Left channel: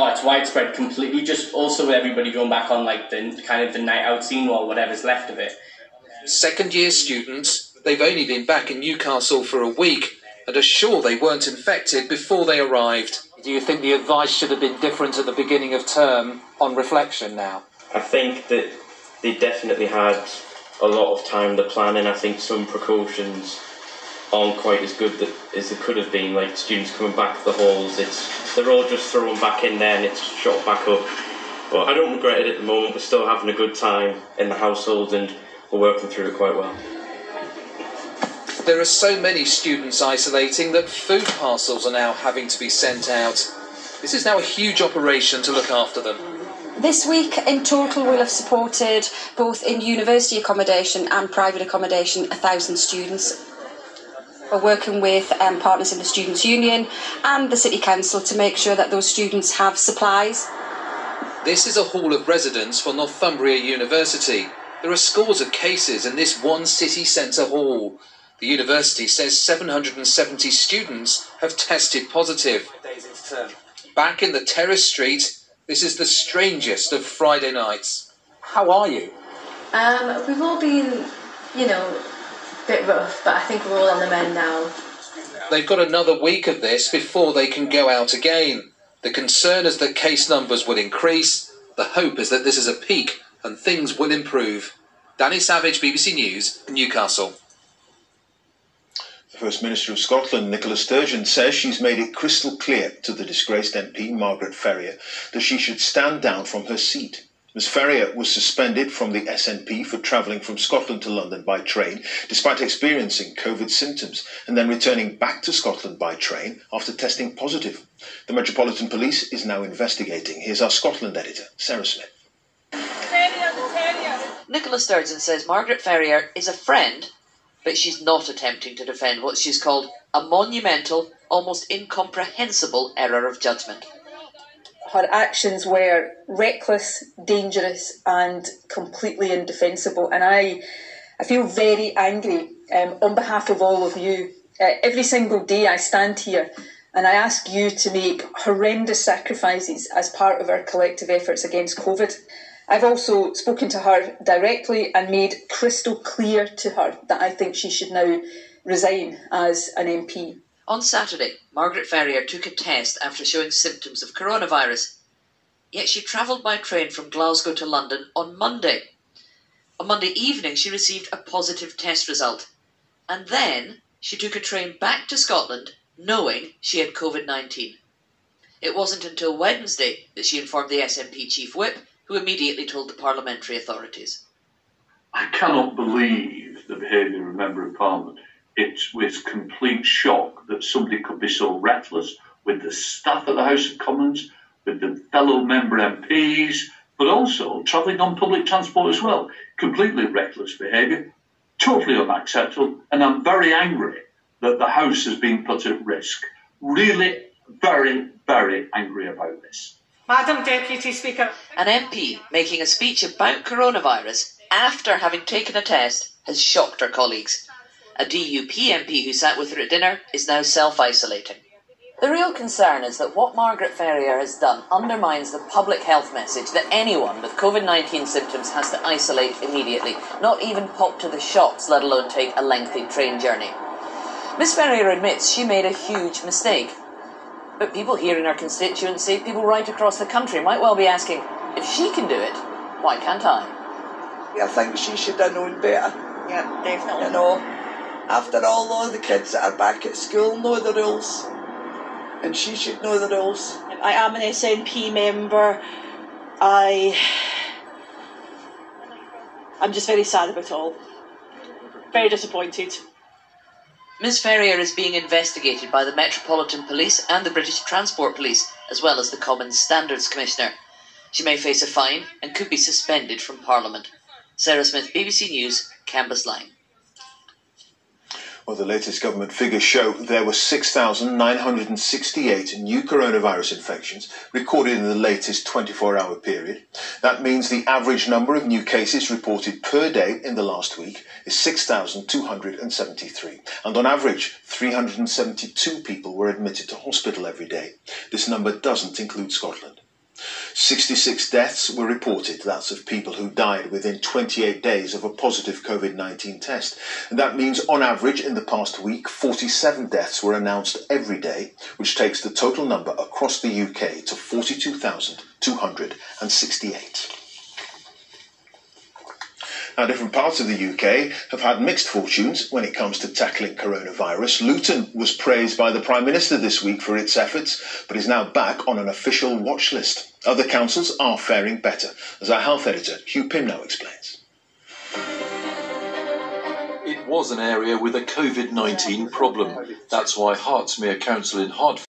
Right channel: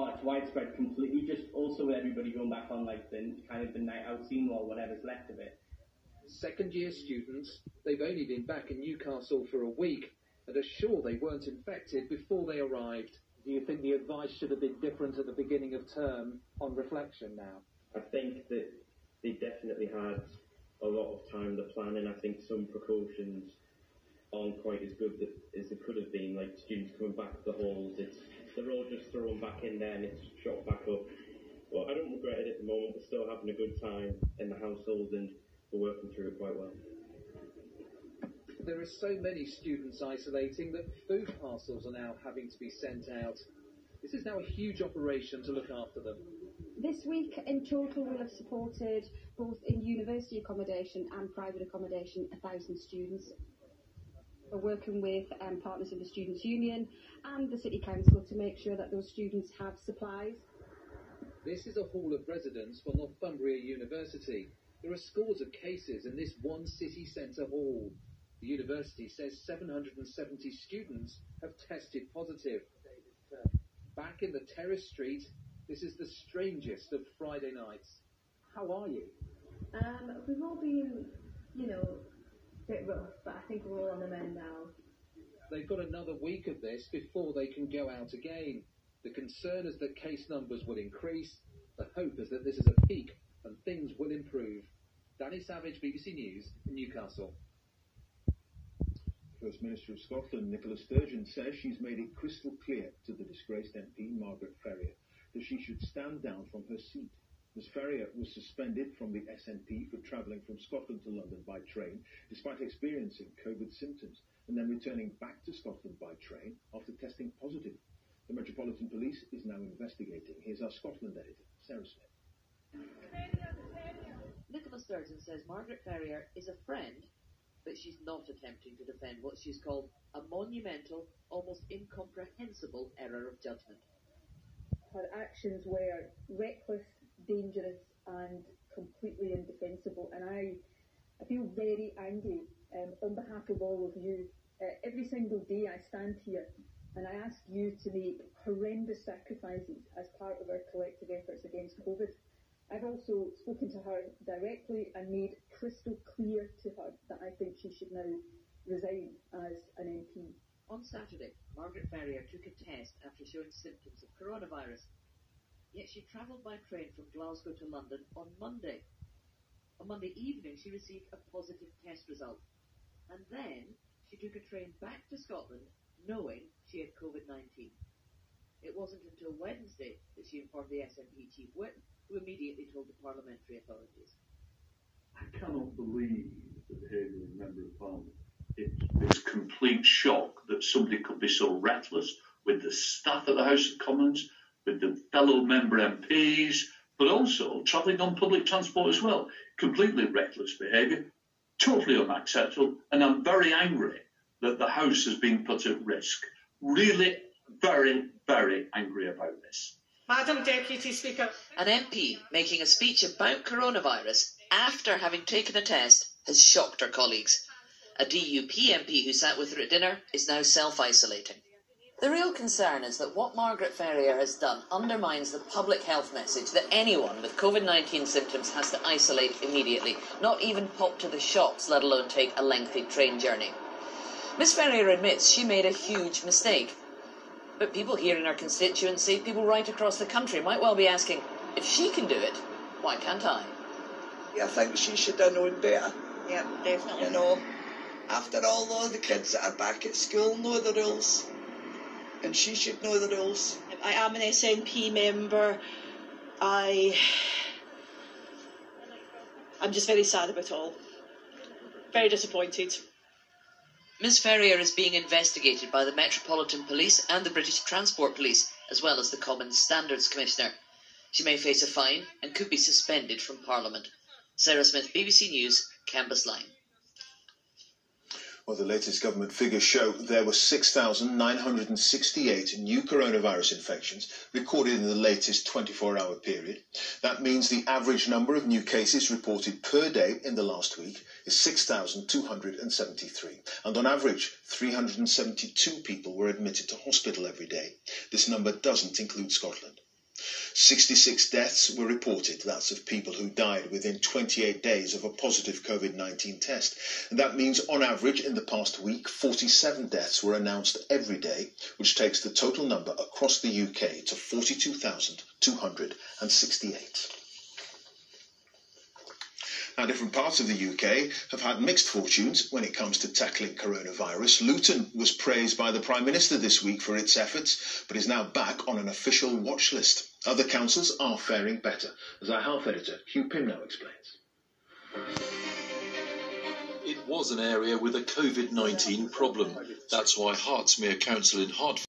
Oh, it's widespread completely. Just also everybody going back on like the kind of the night out scene or whatever's left of it. Second-year students, they've only been back in Newcastle for a week and are sure they weren't infected before they arrived. Do you think the advice should have been different at the beginning of term on reflection now? I think that they definitely had a lot of time to plan, and I think some precautions aren't quite as good as it could have been, like students coming back to the halls. They're all just thrown back in there and it's shot back up. But I don't regret it at the moment. We're still having a good time in the household and we're working through it quite well. There are so many students isolating that food parcels are now having to be sent out. This is now a huge operation to look after them. This week, in total, we'll have supported, both in university accommodation and private accommodation, 1,000 students. We're working with partners in the Students' Union and the City Council to make sure that those students have supplies. This is a hall of residence for Northumbria University. There are scores of cases in this one city centre hall. The university says 770 students have tested positive. Back in the Terrace Street, this is the strangest of Friday nights. How are you? We've all been, a bit rough, but I think we're all on the mend now. They've got another week of this before they can go out again. The concern is that case numbers will increase. The hope is that this is a peak and things will improve. Danny Savage, BBC News, Newcastle. The First Minister of Scotland, Nicola Sturgeon, says she's made it crystal clear to the disgraced MP, Margaret Ferrier, that she should stand down from her seat. Ms Ferrier was suspended from the SNP for travelling from Scotland to London by train, despite experiencing COVID symptoms, and then returning back to Scotland by train after testing positive. The Metropolitan Police is now investigating. Here's our Scotland editor, Sarah Smith. Nicola Sturgeon says Margaret Ferrier is a friend, but she's not attempting to defend what she's called a monumental, almost incomprehensible error of judgment. Her actions were reckless, dangerous and completely indefensible, and I feel very angry on behalf of all of you. Every single day I stand here and I ask you to make horrendous sacrifices as part of our collective efforts against COVID. I've also spoken to her directly and made crystal clear to her that I think she should now resign as an MP. On Saturday, Margaret Ferrier took a test after showing symptoms of coronavirus. Yet she travelled by train from Glasgow to London on Monday. On Monday evening, she received a positive test result. And then she took a train back to Scotland, knowing she had COVID-19. It wasn't until Wednesday that she informed the SNP Chief Whip, who immediately told the parliamentary authorities. I cannot believe the behaviour of a Member of Parliament. It's with complete shock that somebody could be so reckless with the staff at the House of Commons, with the fellow member MPs, but also travelling on public transport as well. Completely reckless behaviour, totally unacceptable, and I'm very angry that the House has been put at risk. Really very, very angry about this. Madam Deputy Speaker. An MP making a speech about coronavirus after having taken a test has shocked her colleagues. A DUP MP who sat with her at dinner is now self-isolating. The real concern is that what Margaret Ferrier has done undermines the public health message that anyone with COVID-19 symptoms has to isolate immediately, not even pop to the shops, let alone take a lengthy train journey. Ms Ferrier admits she made a huge mistake. But people here in her constituency, people right across the country, might well be asking, if she can do it, why can't I? I think she should have known better. Yeah, definitely. After all the kids that are back at school know the rules. And she should know the rules. I am an SNP member. I'm just very sad about it all. Very disappointed. Ms Ferrier is being investigated by the Metropolitan Police and the British Transport Police, as well as the Commons Standards Commissioner. She may face a fine and could be suspended from Parliament. Sarah Smith, BBC News, Cambusline. Well, the latest government figures show there were 6,968 new coronavirus infections recorded in the latest 24-hour period. That means the average number of new cases reported per day in the last week is 6,273. And on average, 372 people were admitted to hospital every day. This number doesn't include Scotland. 66 deaths were reported. That's of people who died within 28 days of a positive COVID-19 test. And that means, on average, in the past week, 47 deaths were announced every day, which takes the total number across the UK to 42,268. Now, different parts of the UK have had mixed fortunes when it comes to tackling coronavirus. Luton was praised by the Prime Minister this week for its efforts, but is now back on an official watch list. Other councils are faring better, as our health editor, Hugh Pimnow, explains. It was an area with a COVID-19 problem. That's why Hertsmere Council in Hertford